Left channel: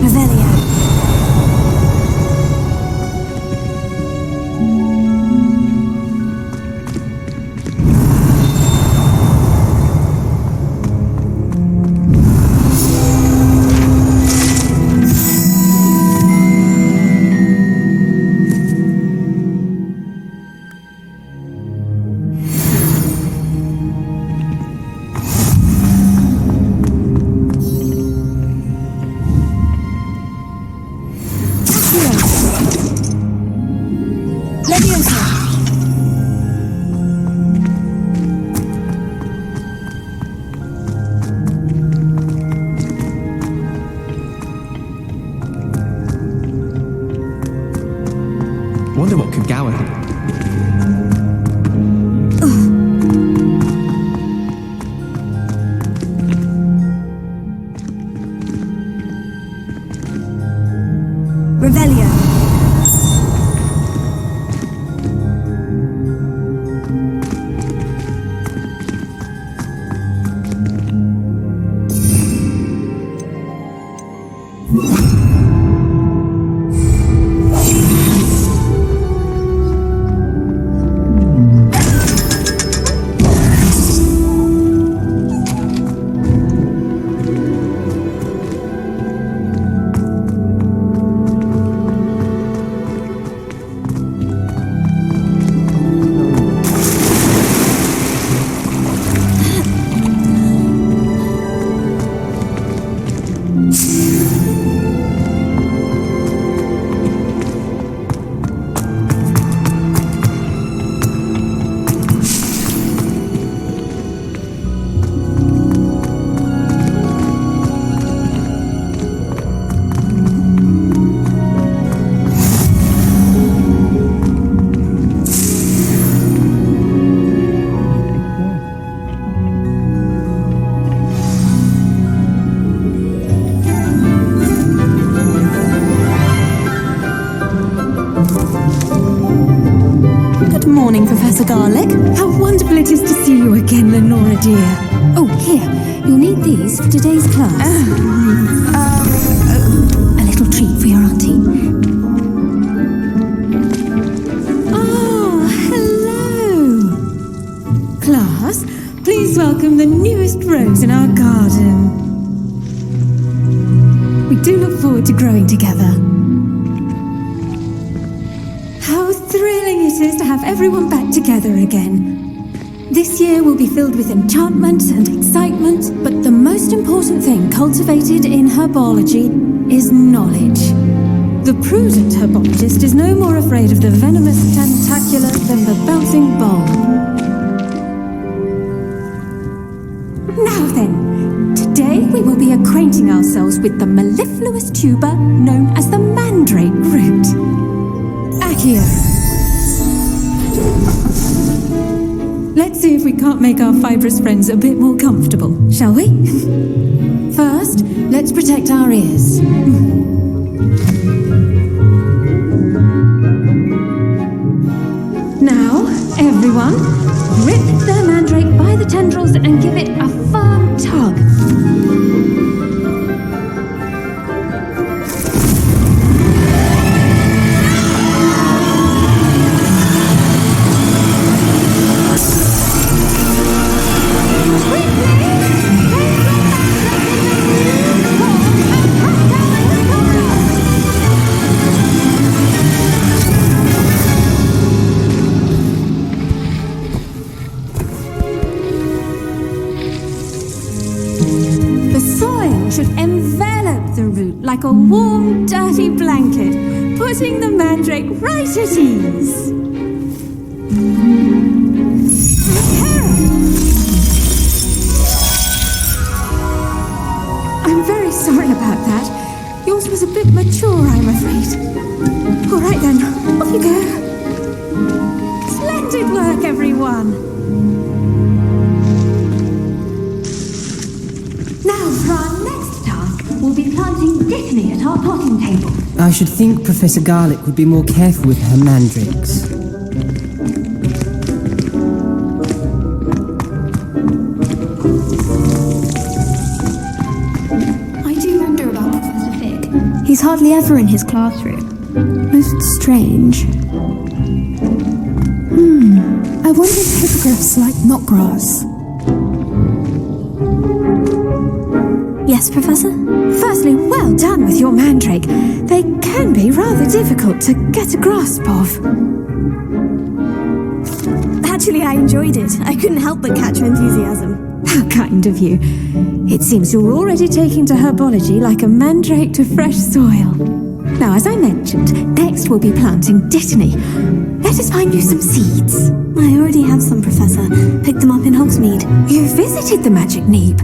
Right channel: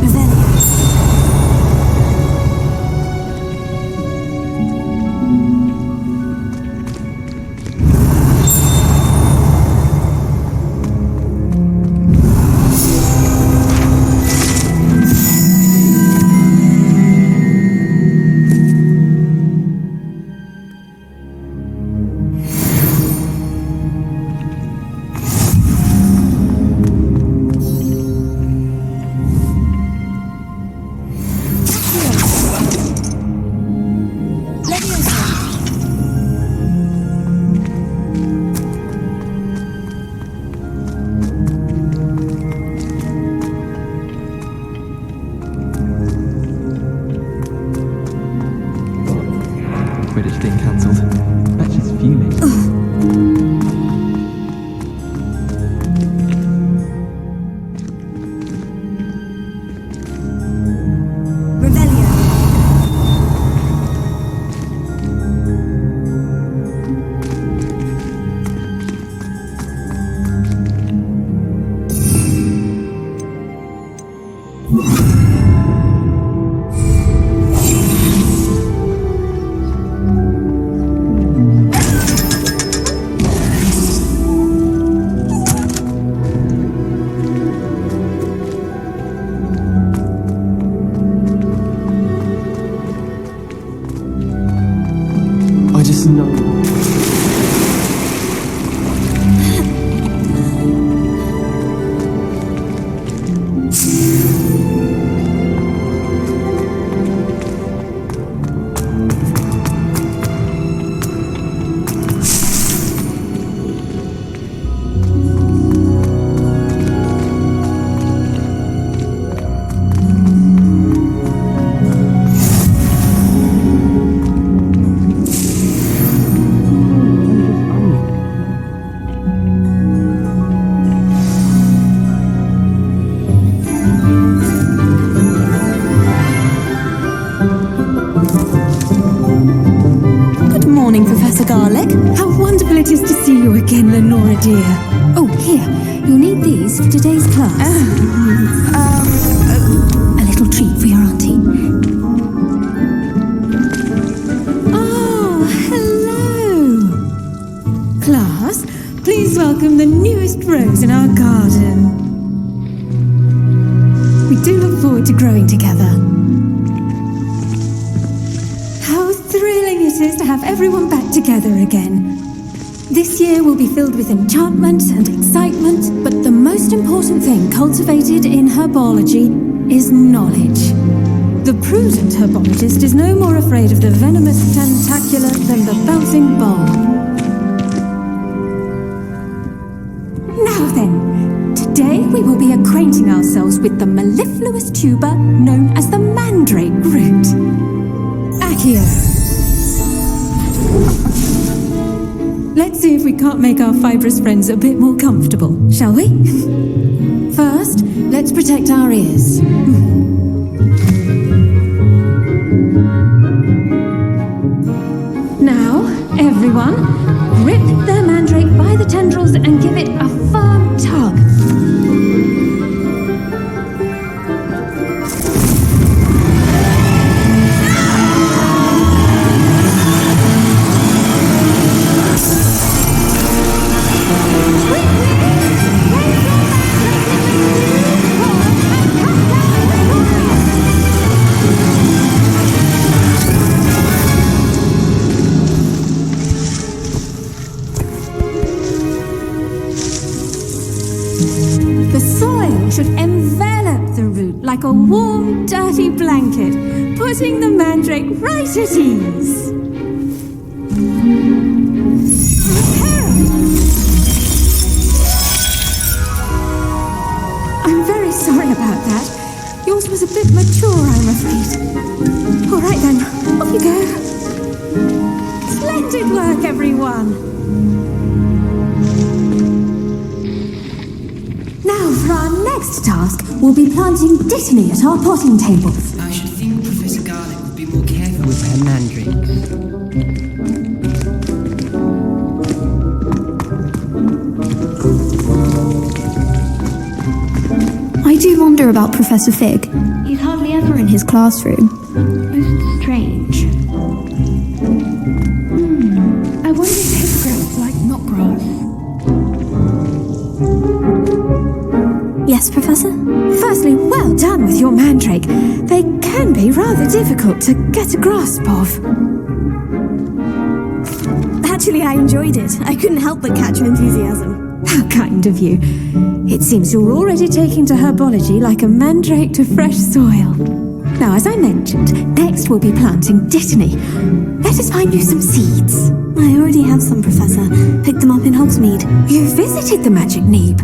Revelio. Wonder what could go ahead if British Day cancelled. That's just fuming. Revelio. I just know. Good morning, Professor Garlic. How wonderful it is to see you again, Lenora dear. Oh, here. You'll need these for today's class. A little treat for your auntie. Ah, hello. Class, please welcome the newest rose in our garden. We do look forward to growing together. How thrilling it is to have everyone back together again. This year will be filled with enchantment and excitement, But the most important thing cultivated in herbology is knowledge. the prudent herbologist is no more afraid of the venomous tentacular than the bouncing bulb. Now then, today we will be acquainting ourselves with the mellifluous tuber known as the mandrake root. Accio. Let's see if we can't make our fibrous friends a bit more comfortable, shall we? First, let's protect our ears. Now, everyone, grip the mandrake by the tendrils and give it a firm tug. The soil should envelop the root like a warm, dirty blanket, putting the mandrake right at ease. Reparo! I'm very sorry about that. Yours was a bit mature, I'm afraid. All right then, off you go. Splendid work, everyone. Now, for our next task, We'll be planting dittany at our potting tables. I should think Professor Garlic would be more careful with her mandrakes. I do wonder about Professor Fig. He's hardly ever in his classroom. Most strange. I wonder if footsteps like knotgrass. Yes, Professor? Firstly, well done with your mandrake. They can be rather difficult to get a grasp of. Actually, I enjoyed it. I couldn't help but catch your enthusiasm. How kind of you. It seems you're already taking to herbology like a mandrake to fresh soil. Now, as I mentioned, next we'll be planting dittany. Let us find you some seeds. I already have some, Professor. Picked them up in Hogsmeade. You visited the Magic Neep.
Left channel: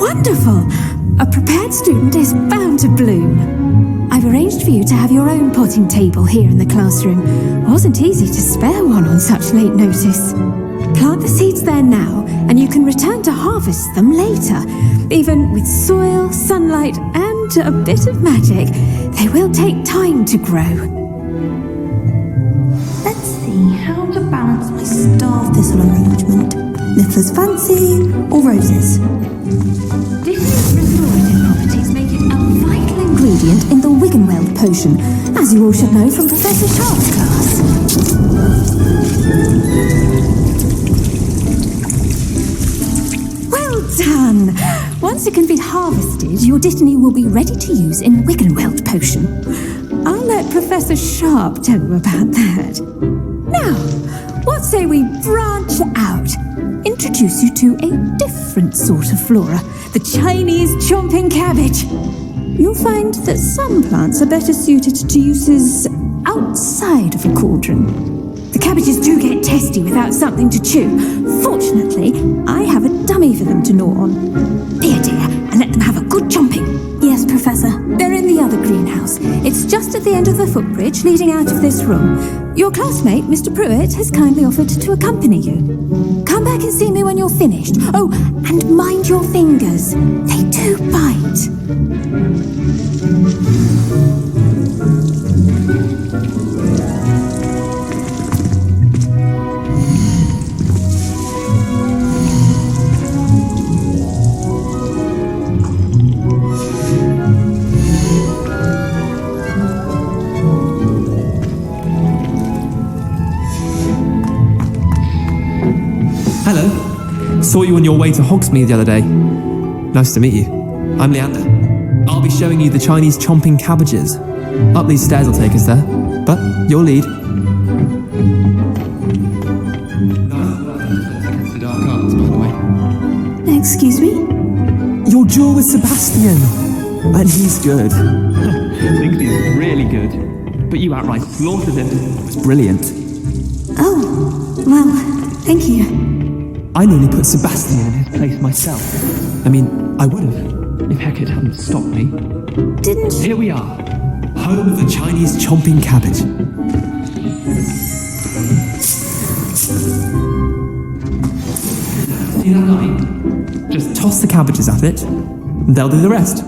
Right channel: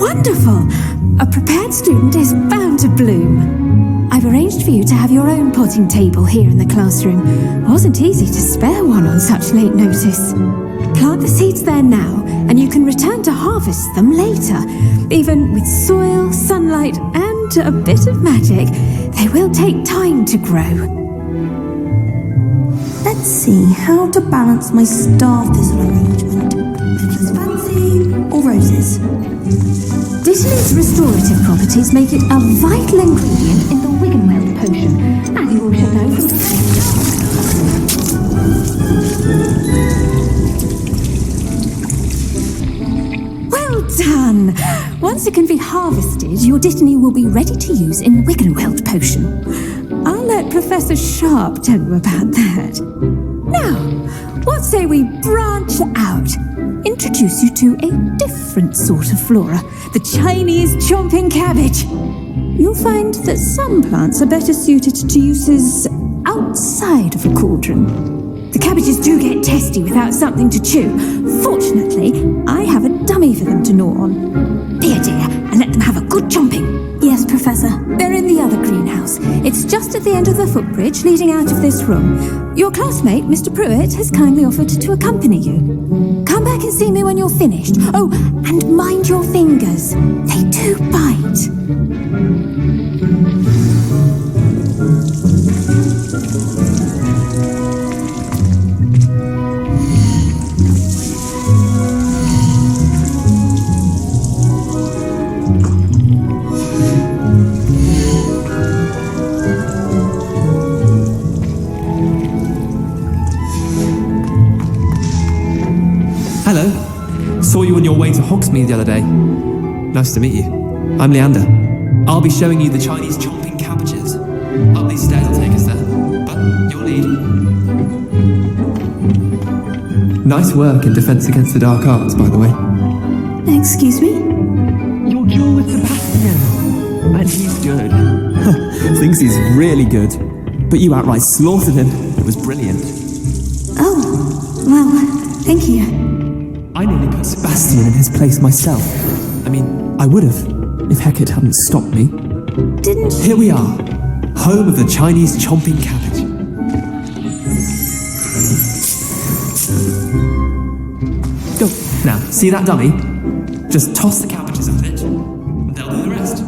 Wonderful. A prepared student is bound to bloom. I've arranged for you to have your own potting table here in the classroom. Wasn't easy to spare one on such late notice. Plant the seeds there now, and you can return to harvest them later. Even with soil, sunlight, and a bit of magic, they will take time to grow. Let's see how to balance my star thistle arrangement. Niffler's fancy or roses? Dittany's restorative properties make it a vital ingredient in the Wiggenweld potion, as you all should know from Professor Sharp's class. Well done! Once it can be harvested, your Dittany will be ready to use in Wiggenweld potion. I'll let Professor Sharp tell you about that. Now, what say we branch out? Introduce you to a different sort of flora, the Chinese chomping cabbage. You'll find that some plants are better suited to uses outside of a cauldron. The cabbages do get testy without something to chew. Fortunately, I have a dummy for them to gnaw on. Be a dear and let them have a good chomping. Yes, Professor. They're in the other greenhouse. It's just at the end of the footbridge leading out of this room. Your classmate, Mr. Pruitt, has kindly offered to accompany you. Come back and see me when you're finished. Oh, and mind your fingers. They do bite. Hello. Saw you on your way to Hogsmeade the other day. Nice to meet you. I'm Leander. I'll be showing you the Chinese chomping cabbages. Up these stairs will take us there, but your lead. Nice work in Defense Against the Dark Arts, by the way. Excuse me? Your jewel is Sebastian, and he's good. Thinks he's really good, but you outright slaughtered him. It was brilliant. Oh, well, thank you. I nearly put Sebastian in his place myself. I mean, I would have. If Hecate hadn't stopped me. Didn't... Here we are. Home of the Chinese chomping cabbage. Go. Now, see that dummy? Just toss the cabbages at it, and they'll do the rest.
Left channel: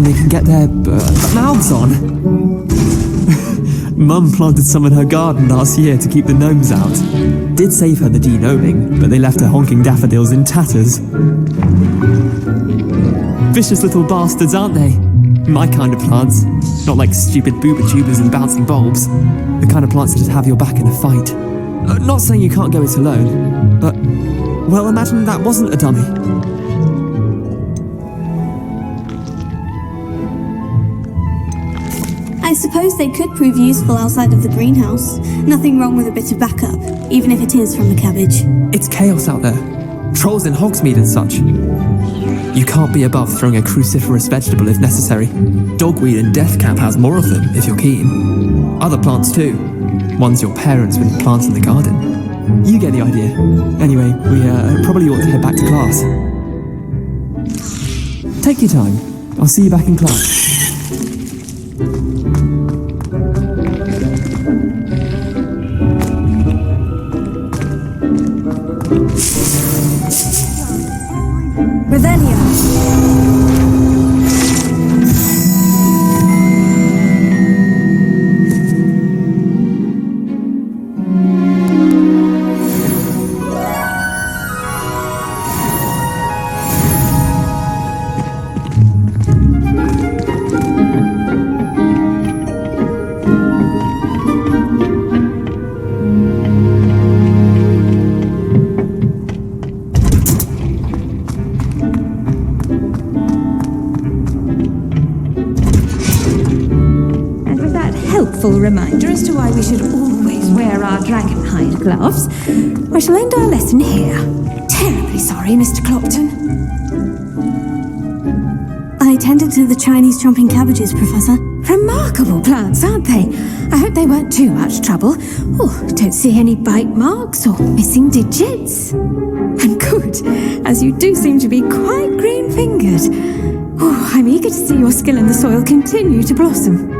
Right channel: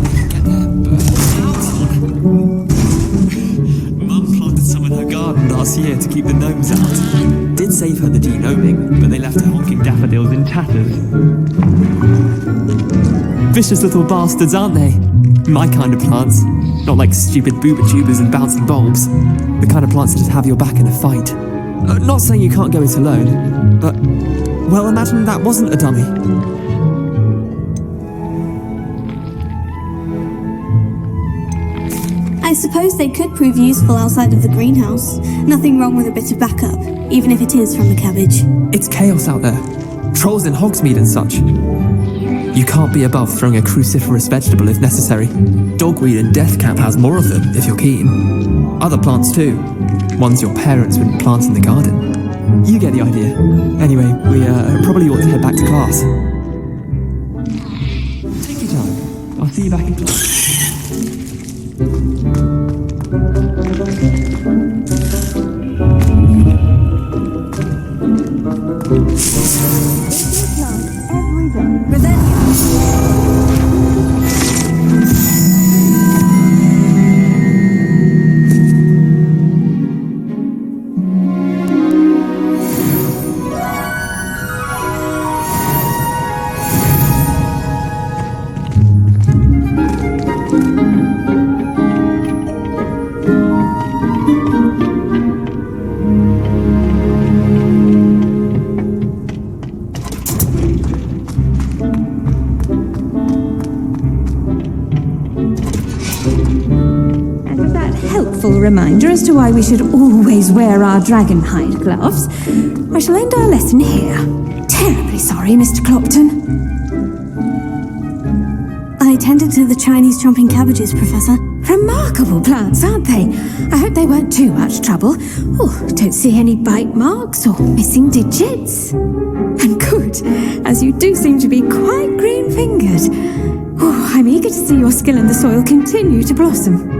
They can get their mouths on. Mum planted some in her garden last year to keep the gnomes out. Did save her the de-gnoming, but they left her honking daffodils in tatters. Vicious little bastards, aren't they? My kind of plants. Not like stupid booba tubers and bouncing bulbs. The kind of plants that'd have your back in a fight. Not saying you can't go it alone, but, well, imagine that wasn't a dummy. I suppose they could prove useful outside of the greenhouse. Nothing wrong with a bit of backup, even if it is from the cabbage. It's chaos out there. Trolls in Hogsmeade and such. You can't be above throwing a cruciferous vegetable if necessary. Dogweed and deathcap has more of them, if you're keen. Other plants too. Ones your parents wouldn't plant in the garden. You get the idea. Anyway, we probably ought to head back to class. Take your time. I'll see you back in class. helpful reminder as to why we should always wear our dragonhide gloves, I shall end our lesson here. Terribly sorry, Mr. Clopton. I tended to the Chinese chomping cabbages, Professor. Remarkable plants, aren't they? I hope they weren't too much trouble. Oh, don't see any bite marks or missing digits. And good, as you do seem to be quite green-fingered. Oh, I'm eager to see your skill in the soil continue to blossom.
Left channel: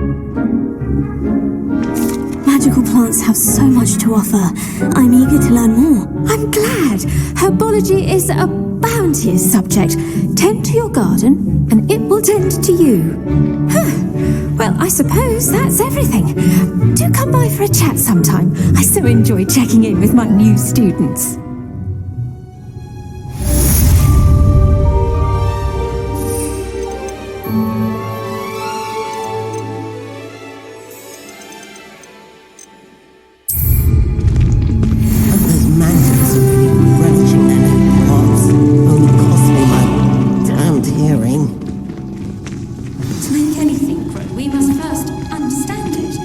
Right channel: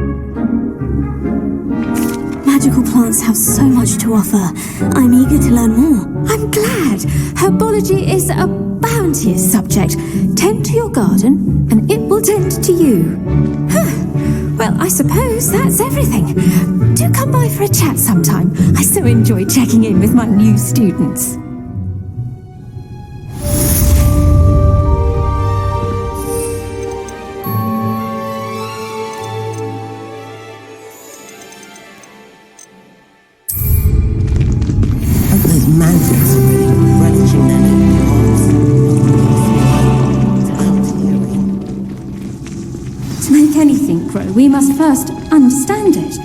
Magical plants have so much to offer. I'm eager to learn more. I'm glad. Herbology is a bounteous subject. Tend to your garden, and it will tend to you. Huh. Well, I suppose that's everything. Do come by for a chat sometime. I so enjoy checking in with my new students. Those mandrake are really relishing their new pots. Only cost me my damned hearing. To make anything grow, we must first understand it.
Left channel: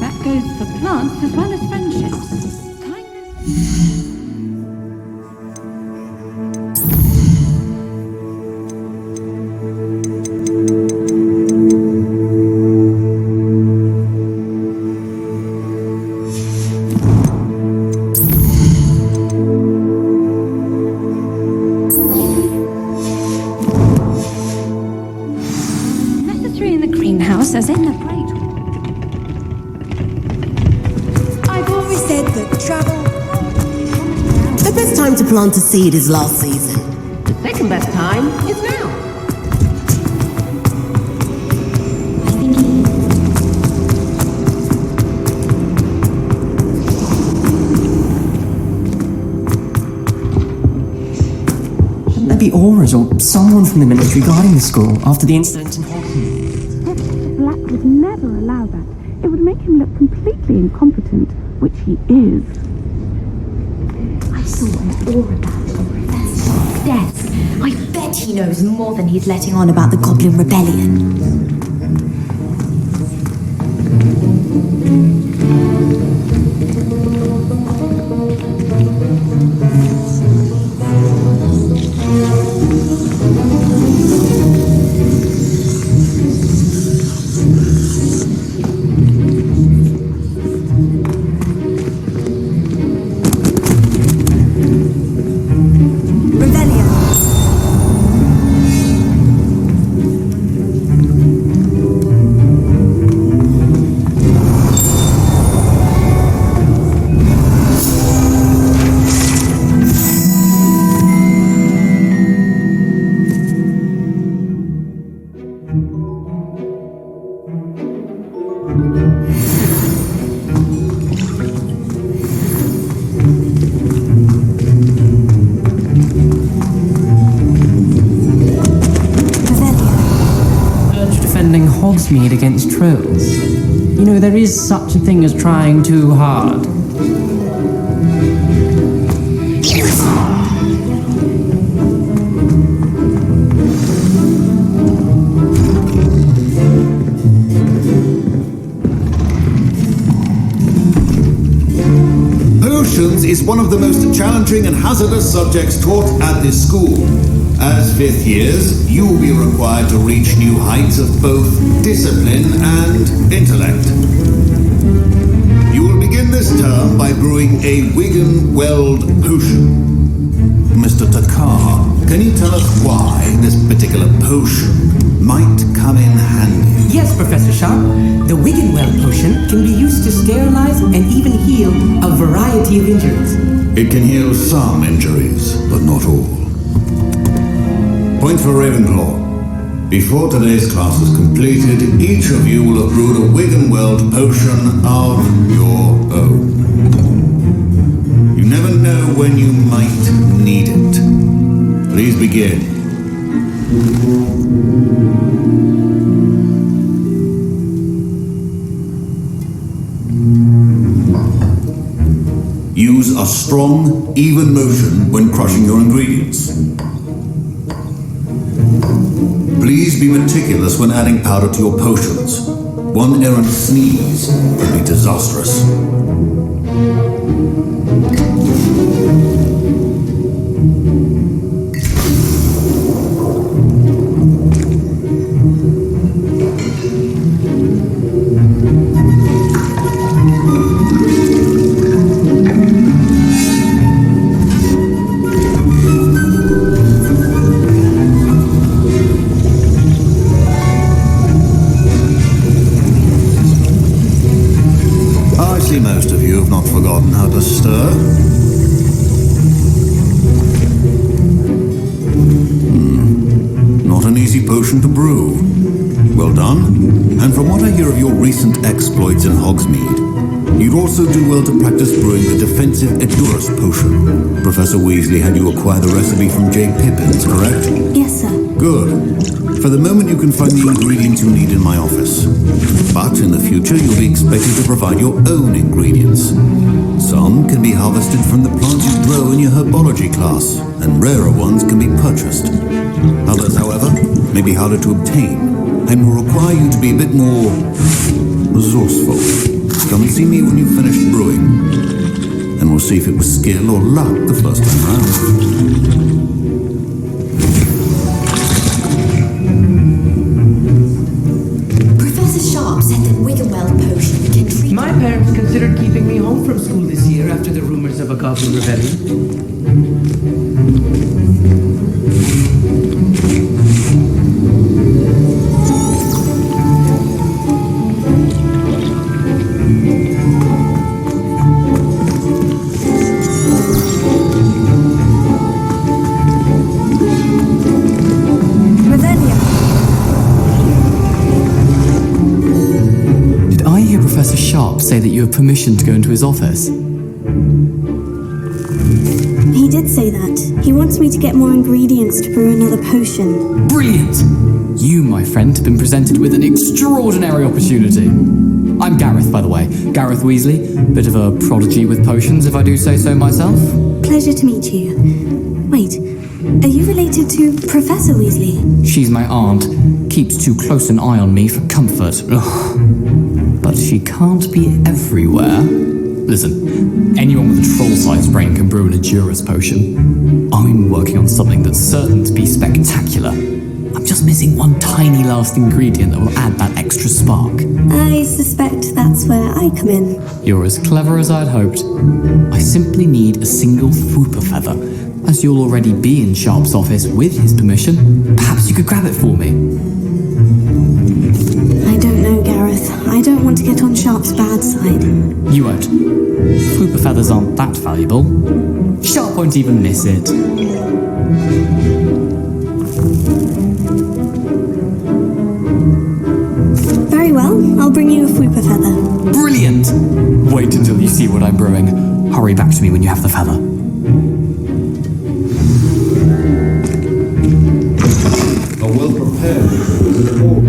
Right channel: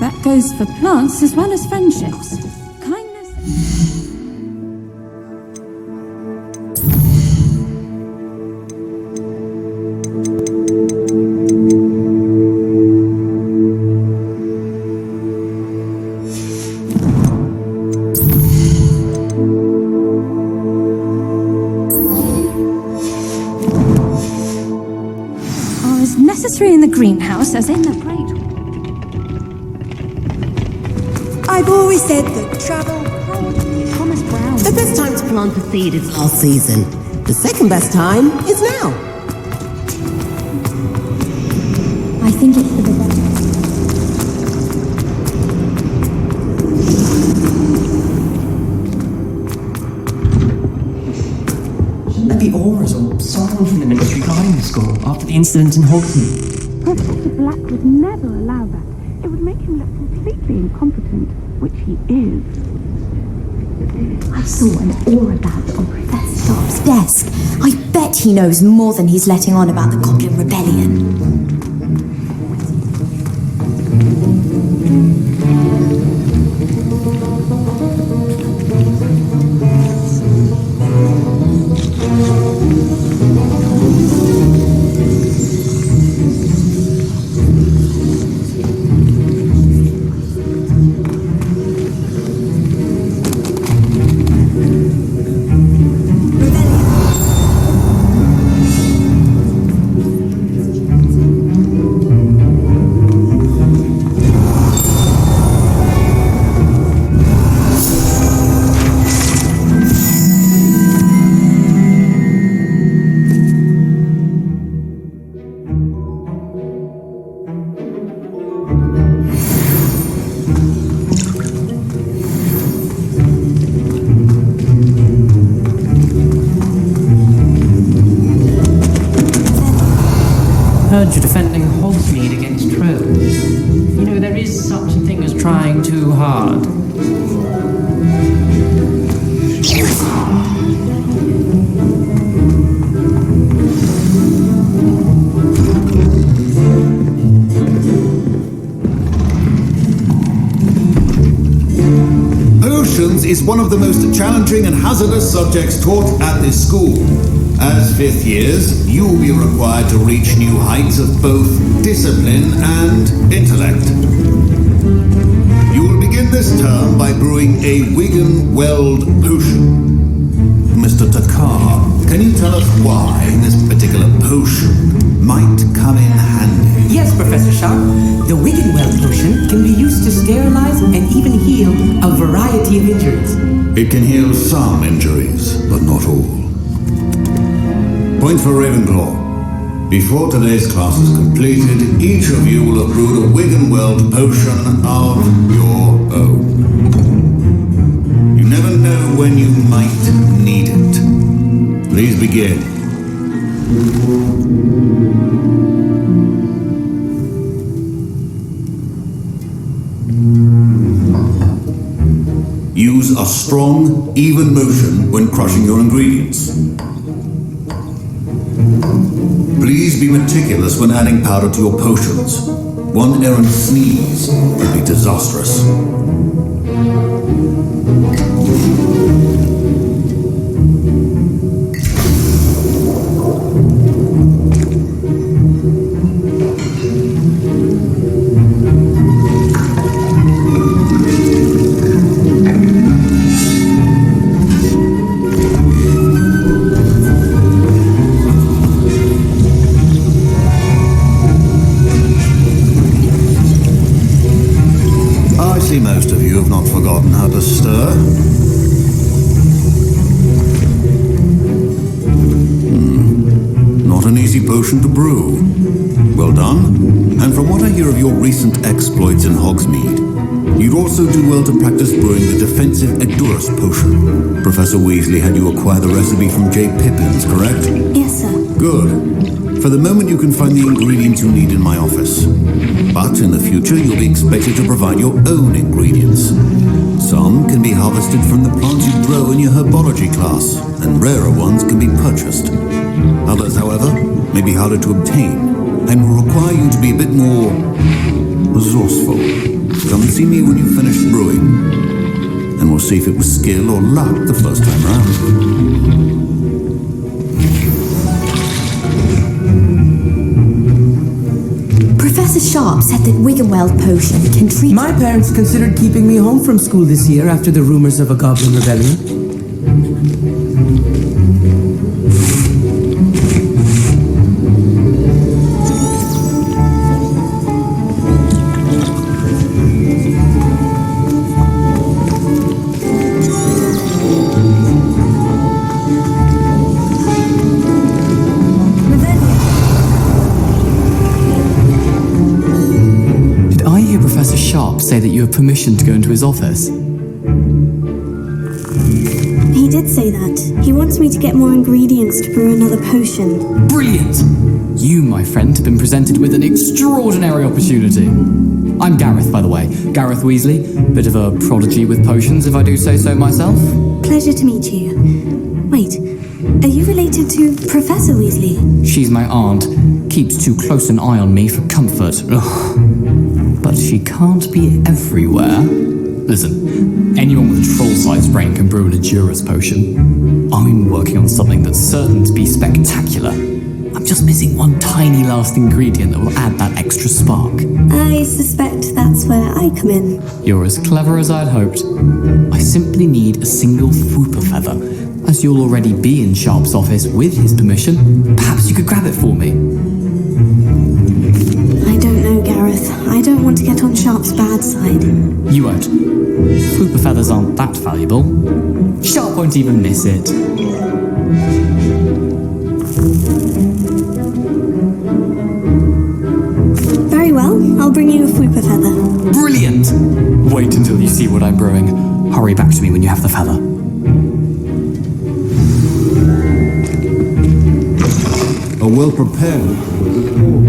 That goes for plants as well as friendships. Kindness. In the greenhouse as in the Great Hall. I've always said that travel... The best time to plant a seed is last season. The second best time is now. I think Shouldn't there be auras or someone from the military driving school after the incident in Hogwarts? Professor Black would never allow that. It would make him look completely incompetent, which he is. I saw all about on Professor Sharp's desk. I bet he knows more than he's letting on about the Goblin Rebellion. You're defending Hogsmeade against trolls. You know, there is such a thing as trying too hard. Potions is one of the most challenging and hazardous subjects taught at this school. As fifth years, you will be required to reach new heights of both discipline and intellect. You will begin this term by brewing a Wigan-Weld potion. Mr. Takar, can you tell us why this particular potion might come in handy? Yes, Professor Sharp. The Wigan-Weld potion can be used to sterilize and even heal a variety of injuries. It can heal some injuries, but not all. Point for Ravenclaw. Before today's class is completed, each of you will have brewed a Wigan-Weld potion of your own. You never know when you might need it. Please begin. Use a strong, even motion when crushing your ingredients. Please be meticulous when adding powder to your potions. One errant sneeze could be disastrous. I see most of you have not forgotten how to stir. Not an easy potion to brew. Well done. And from what I hear of your recent exploits in Hogsmeade, you'd also do well to practice brewing the defensive Edurus potion. Professor Weasley had you acquire the recipe from J. Pippins, correct? Yes, sir. Good. For the moment you can find the ingredients you need in my office. But in the future, you'll be expected to provide your own ingredients. Some can be harvested from the plants you grow in your Herbology class, and rarer ones can be purchased. Others, however, may be harder to obtain, and will require you to be a bit more resourceful. Come and see me when you've finished brewing, and we'll see if it was skill or luck the first time around. Professor Sharp said that Wiggenweld potion can treat... My parents considered keeping me home from school this year after the rumors of a goblin rebellion. I hear Professor Sharp say that you have permission to go into his office. He did say that. He wants me to get more ingredients to brew another potion. Brilliant! You, my friend, have been presented with an extraordinary opportunity. I'm Gareth, by the way. Gareth Weasley. Bit of a prodigy with potions, if I do say so myself. Pleasure to meet you. Wait, are you related to Professor Weasley? She's my aunt. Keeps too close an eye on me for comfort. Ugh. But she can't be everywhere. Listen, anyone with a troll-sized brain can brew an Edurus potion. I'm working on something that's certain to be spectacular. I'm just missing one tiny last ingredient that will add that extra spark. I suspect that's where I come in. You're as clever as I'd hoped. I simply need a single Fwooper feather. As you'll already be in Sharp's office with his permission, perhaps you could grab it for me. I don't know, Gareth. I don't want to get on Sharp's bad side. You won't. Fwooper feathers aren't that valuable. Sharp won't even miss it. Very well. I'll bring you a Fwooper feather. Brilliant! Wait until you see what I'm brewing. Hurry back to me when you have the feather. A well-prepared report.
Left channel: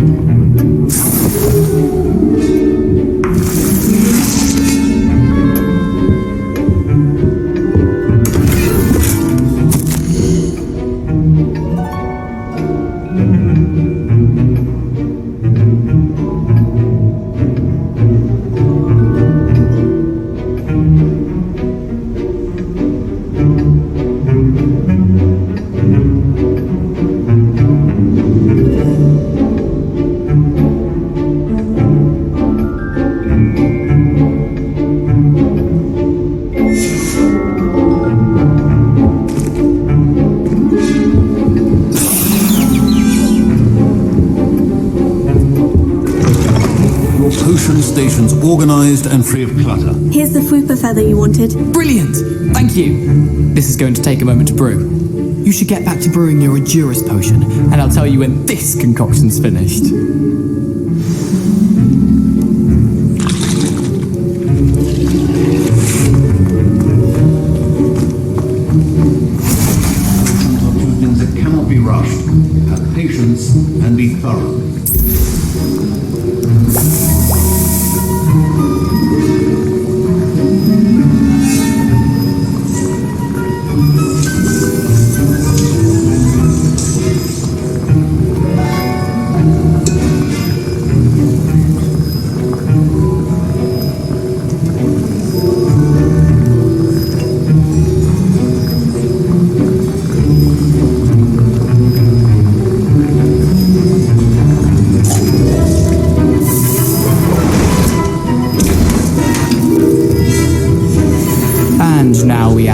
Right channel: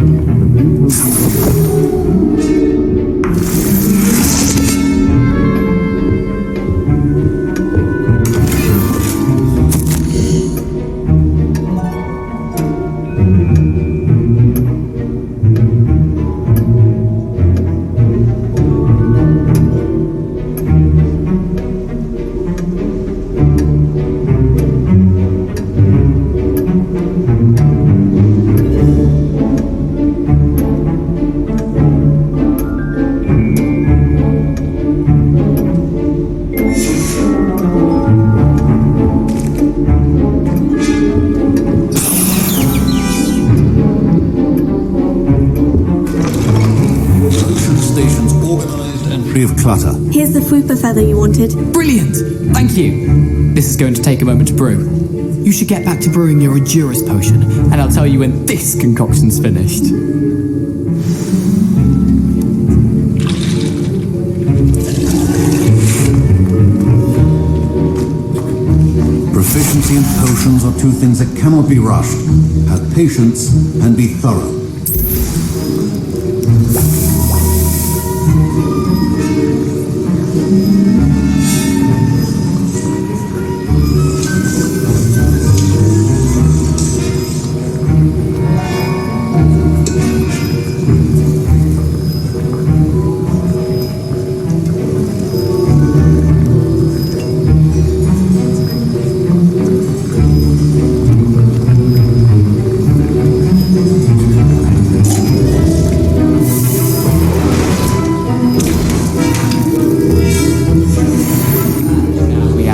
Stations organized and free of clutter. Here's the Fwooper feather you wanted. Brilliant! Thank you. This is going to take a moment to brew. You should get back to brewing your Edurus potion, and I'll tell you when this concoction's finished. Proficiency in potions are two things that cannot be rushed. Have patience and be thorough.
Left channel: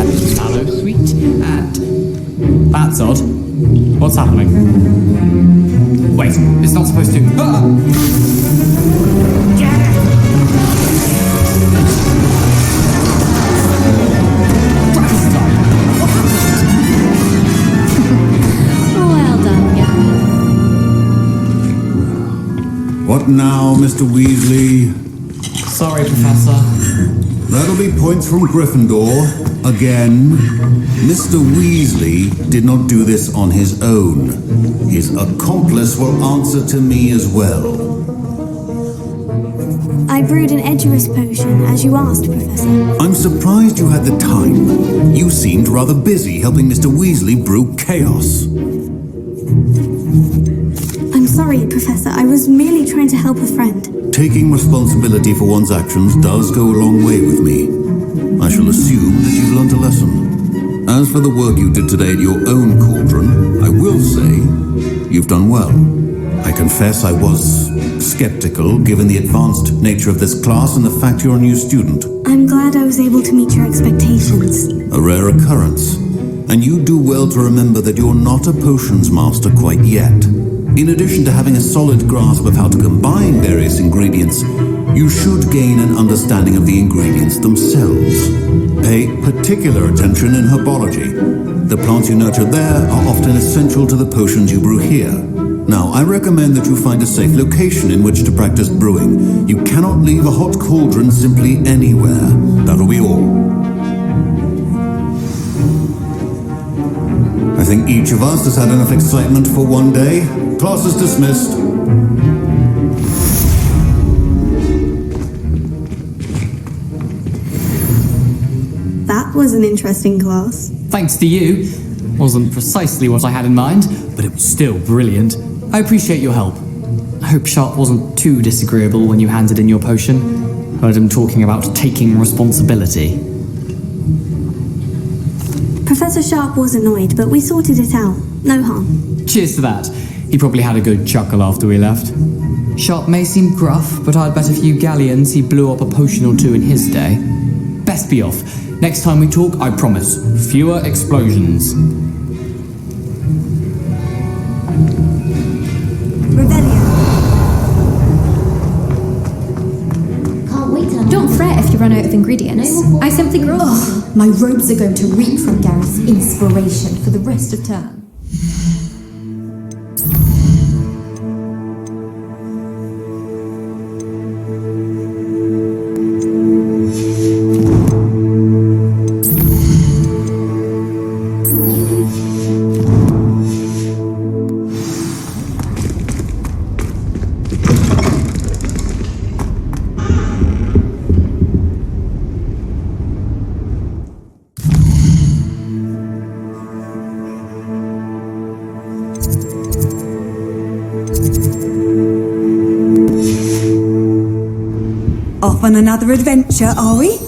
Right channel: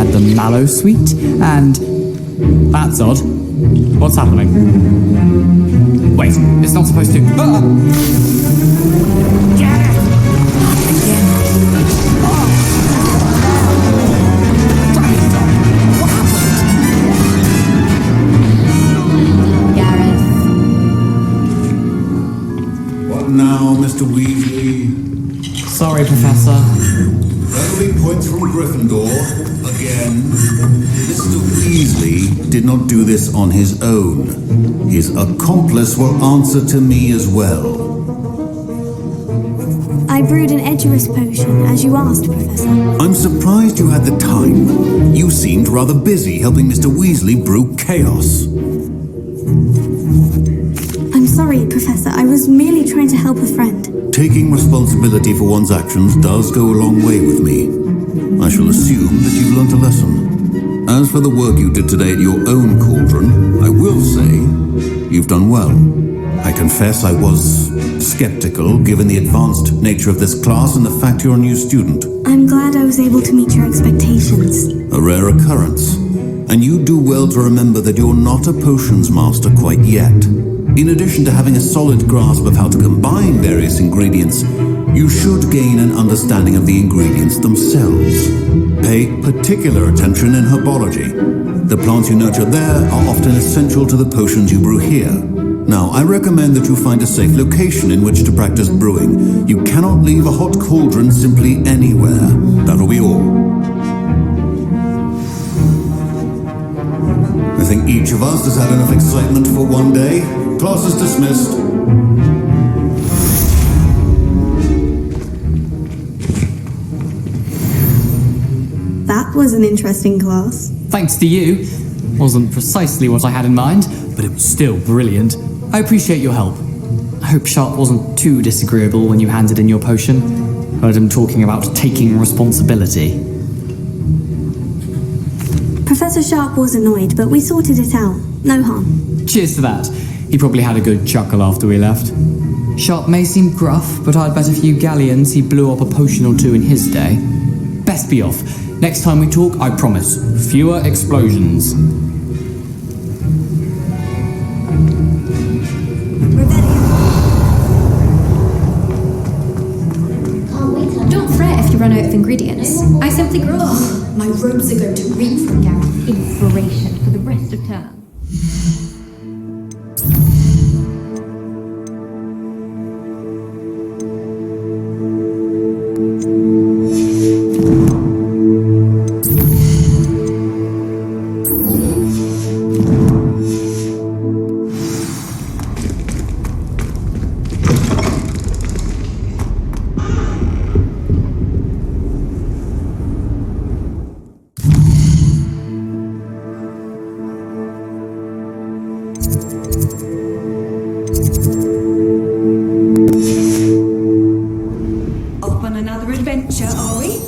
had the mallow sweet, and... That's odd. What's happening? Wait, it's not supposed to... Ah! Get it! Dragon time! What happened? Well done, Gareth. What now, Mr. Weasley? Sorry, Professor. That'll be points from Gryffindor. Again. Mr. Weasley did not do this on his own. His accomplice will answer to me as well. I brewed an Edgerus potion, as you asked, Professor. I'm surprised you had the time. You seemed rather busy helping Mr. Weasley brew chaos. I'm sorry, Professor. I was merely trying to help a friend. Taking responsibility for one's actions does go a long way with me. I shall assume that you've learnt a lesson. As for the work you did today at your own cauldron, I will say you've done well. I confess I was skeptical given the advanced nature of this class and the fact you're a new student. I'm glad I was able to meet your expectations. A rare occurrence. And you do well to remember that you're not a potions master quite yet. In addition to having a solid grasp of how to combine various ingredients, you should gain an understanding of the ingredients themselves. Pay particular attention in herbology. The plants you nurture there are often essential to the potions you brew here. Now, I recommend that you find a safe location in which to practice brewing. You cannot leave a hot cauldron simply anywhere. That'll be all. I think each of us has had enough excitement for one day. Class is dismissed. That was an interesting class. Thanks to you. Wasn't precisely what I had in mind, but it was still brilliant. I appreciate your help. I hope Sharp wasn't too disagreeable when you handed in your potion. Heard him talking about taking responsibility. Professor Sharp was annoyed, but we sorted it out. No harm. Cheers to that. He probably had a good chuckle after we left. Sharp may seem gruff, but I'd bet a few galleons he blew up a potion or two in his day. Best be off. Next time we talk, I promise, fewer explosions. Don't fret if you run out of ingredients. I simply grow. Oh, my robes are going to reek from Gareth's inspiration for the rest of term. Off on another adventure, are we?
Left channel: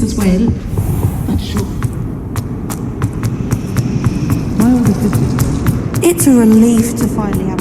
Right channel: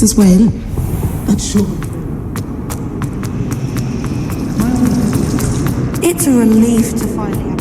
As well, but sure. It's a relief to finally have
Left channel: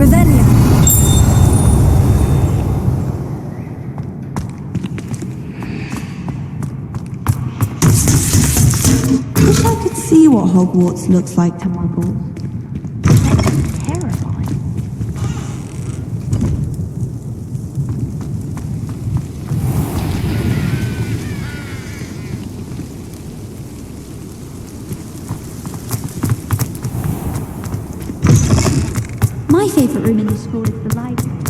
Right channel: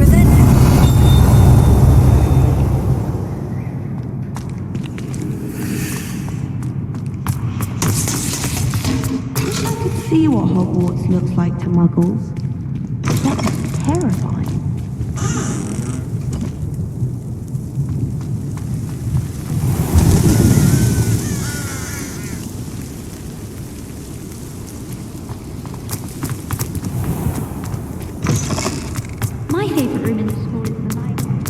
Revelio. I wish I could see what Hogwarts looks like to muggles. My favourite room in the school is the library.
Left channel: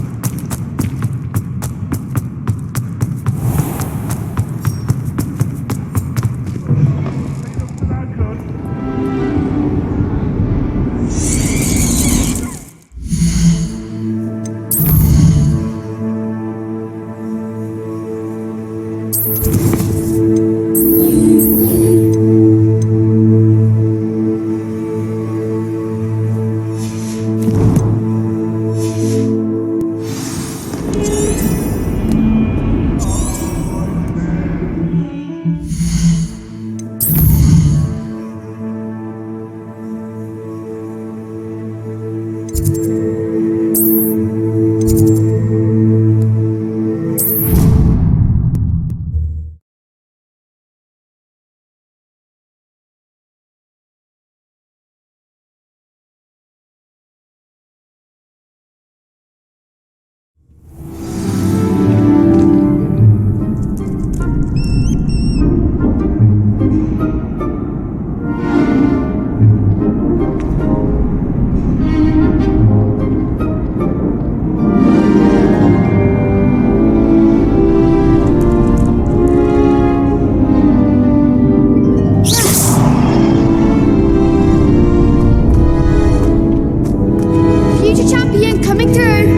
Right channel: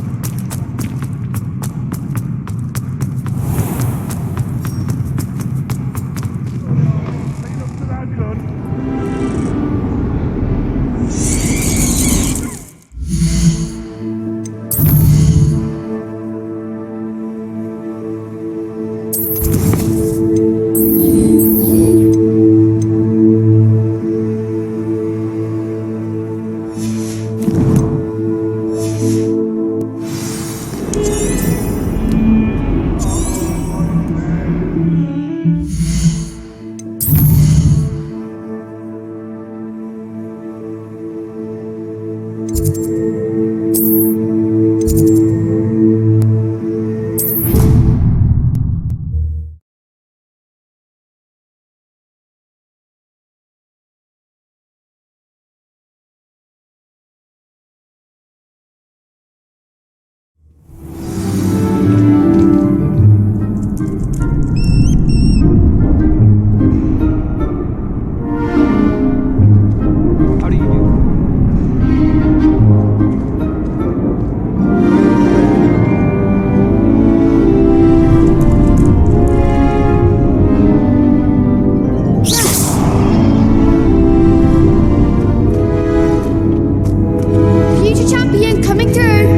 Future champion coming through!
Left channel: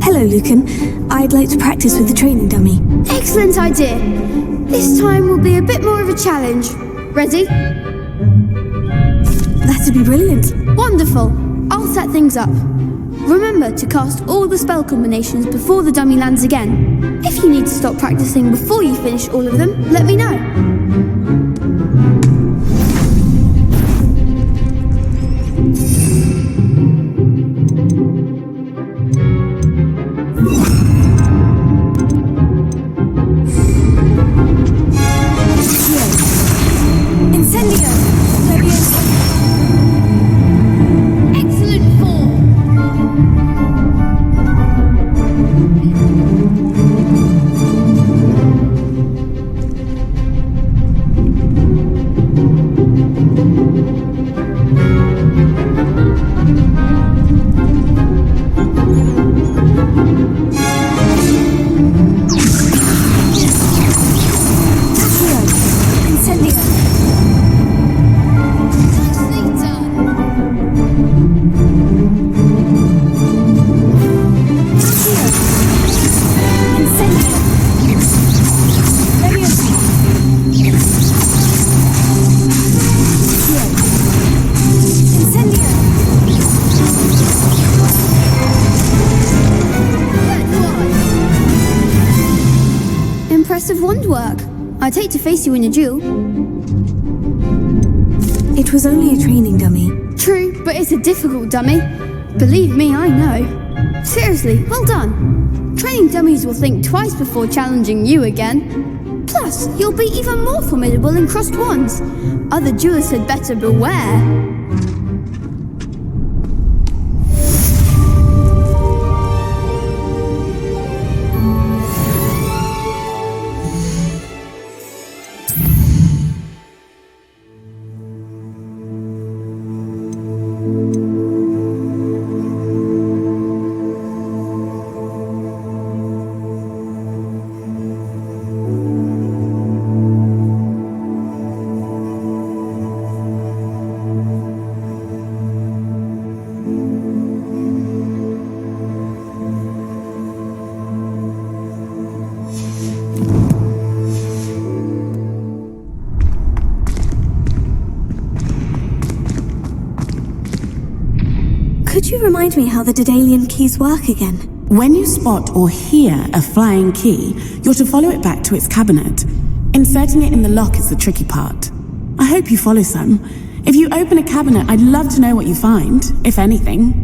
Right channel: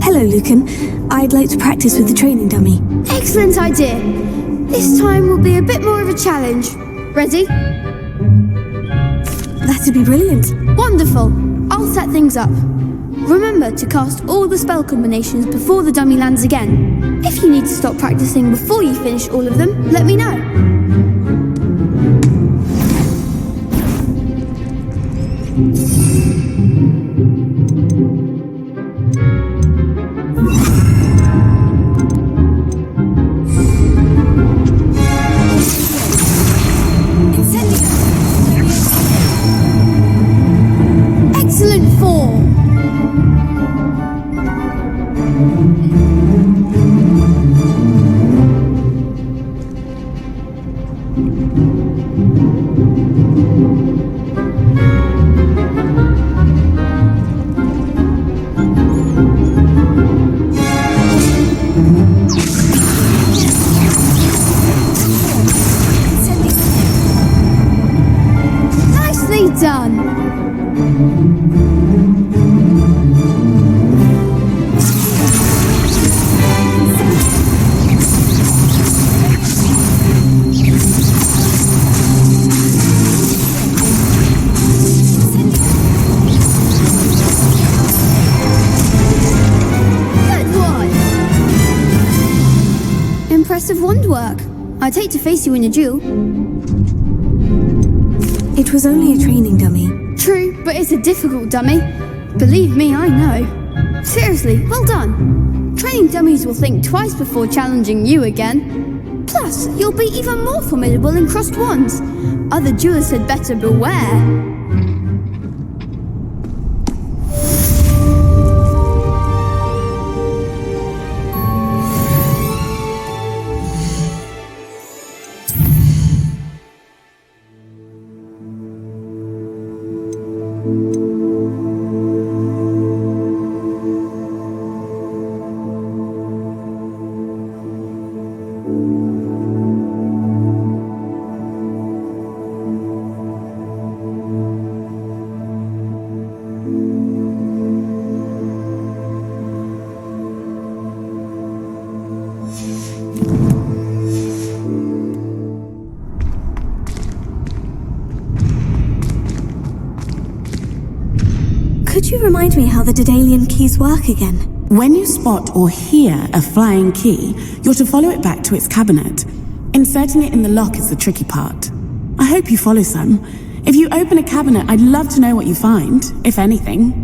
Hello, Lucan. I'd like to practice with the training dummy. Excellent idea. This time will be a bit more of a challenge. Ready? That'd be brilliant. Wonderful. I'll set things up. Remember to cast all the spell combinations before the dummy lands again. If you need to stop practicing before you finish all of them, let me know. Incendio! Excellent form. Nicely done. Good one. Impressive wand work. I'd hate to face you in a duel. It was only a training dummy. True, but it's a difficult dummy. Believe me, I know. Seriously, well done. Training dummies will think twice before challenging you again. Plus, you'll be even more formidable in crossed wands. Other duelists had better beware. Could you remind me how the Daedalian keys work again? When you spot or hear a flying key, you're to follow it back to its cabinet. Inserting it in the lock is the tricky part. I hope you follow some. If you open a cabinet, I'd love to know what you find, if anything.